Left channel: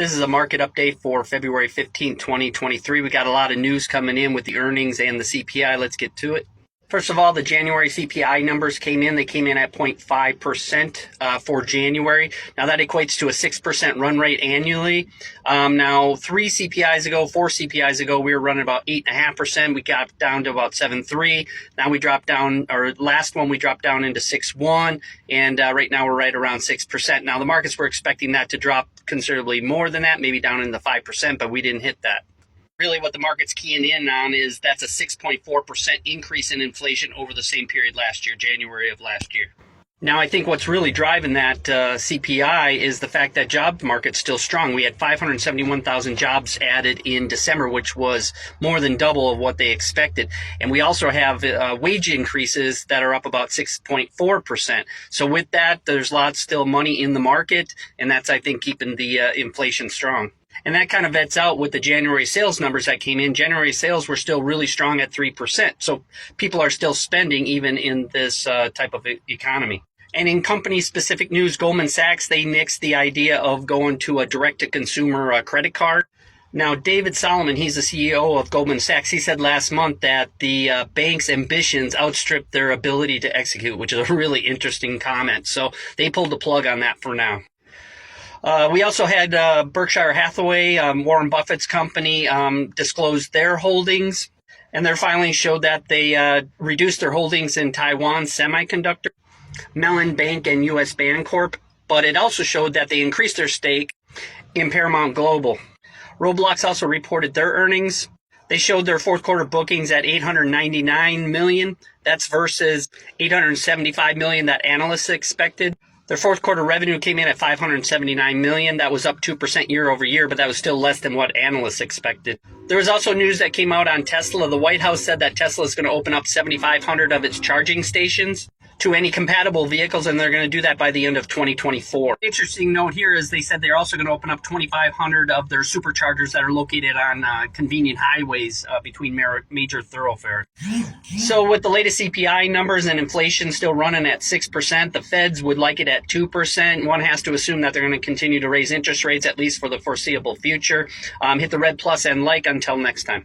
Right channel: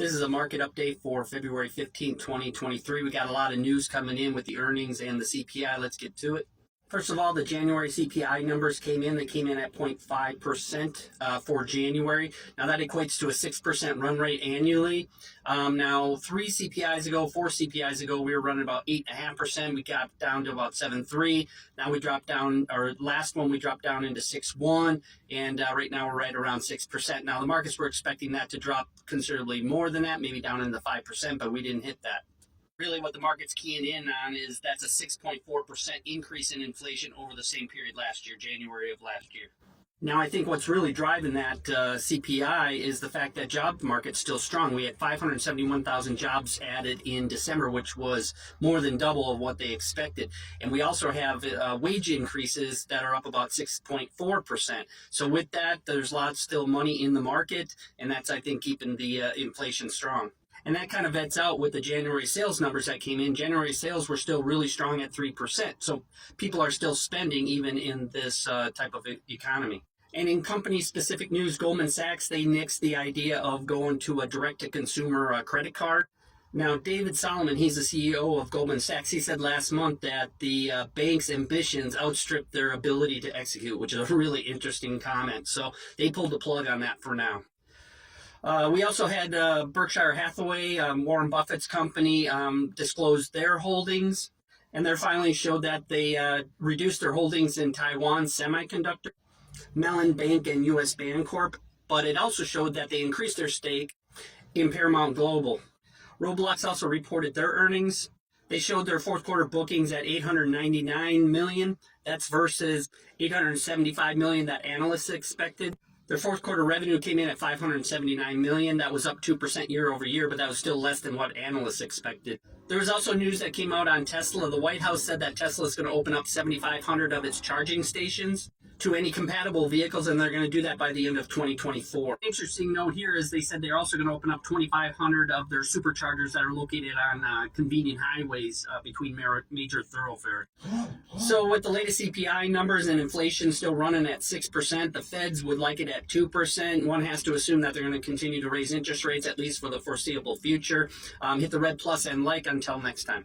This is a market update for February 15, 2023. We got a lot of news coming in with the earnings and the CPI. Let's get to it. First of all, the January CPI numbers came in. They came in at 0.5% for January. Now that equates to a 6% run rate annually. Now 4 CPIs ago, we were running about 8.5%. We got down to about 7.3. Now we dropped down, or last one we dropped down into 6.1, and right now we're right around 6%. Now the markets were expecting that to drop considerably more than that, maybe down in the 5%, but we didn't hit that. Really what the market's keying in on is that's a 6.4% increase in inflation over the same period last year, January of last year. Now, I think what's really driving that CPI is the fact that job market's still strong. We had 571,000 jobs added in December, which was more than double of what they expected. And we also have wage increases that are up about 6.4%. So with that, there's lots still money in the market, and that's, I think, keeping the inflation strong. And that kind of vets out with the January sales numbers that came in. January sales were still really strong at 3%. So people are still spending even in this type of economy. And in company-specific news, Goldman Sachs, they nixed the idea of going to a direct-to-consumer credit card. Now, David Solomon, he's the CEO of Goldman Sachs, he said last month that the bank's ambitions outstripped their ability to execute, which is a really interesting comment. So they pulled the plug on that for now. We also had Berkshire Hathaway, Warren Buffett's company, disclosed their holdings, and their filings showed that they reduced their holdings in Taiwan Semiconductor, Mellon Bank, and U.S. Bancorp, but it also showed that they increased their stake in Paramount Global. Roblox also reported their earnings. They showed their fourth quarter bookings at $899 million. That's versus $875 million that analysts expected. Their fourth quarter revenue came in at $579 million. That was up 2% year over year, but that was still less than what analysts expected. There was also news that came out on Tesla. The White House said that Tesla is going to open up 7,500 of its charging stations to any compatible vehicles, and they're going to do that by the end of 2024. Interesting note here is they said they're also going to open up 2,500 of their superchargers that are located on convenient highways between major thoroughfares. So with the latest CPI numbers and inflation still running at 6%, the Feds would like it at 2%. One has to assume that they're going to continue to raise interest rates, at least for the foreseeable future. Hit the red plus and like until next time.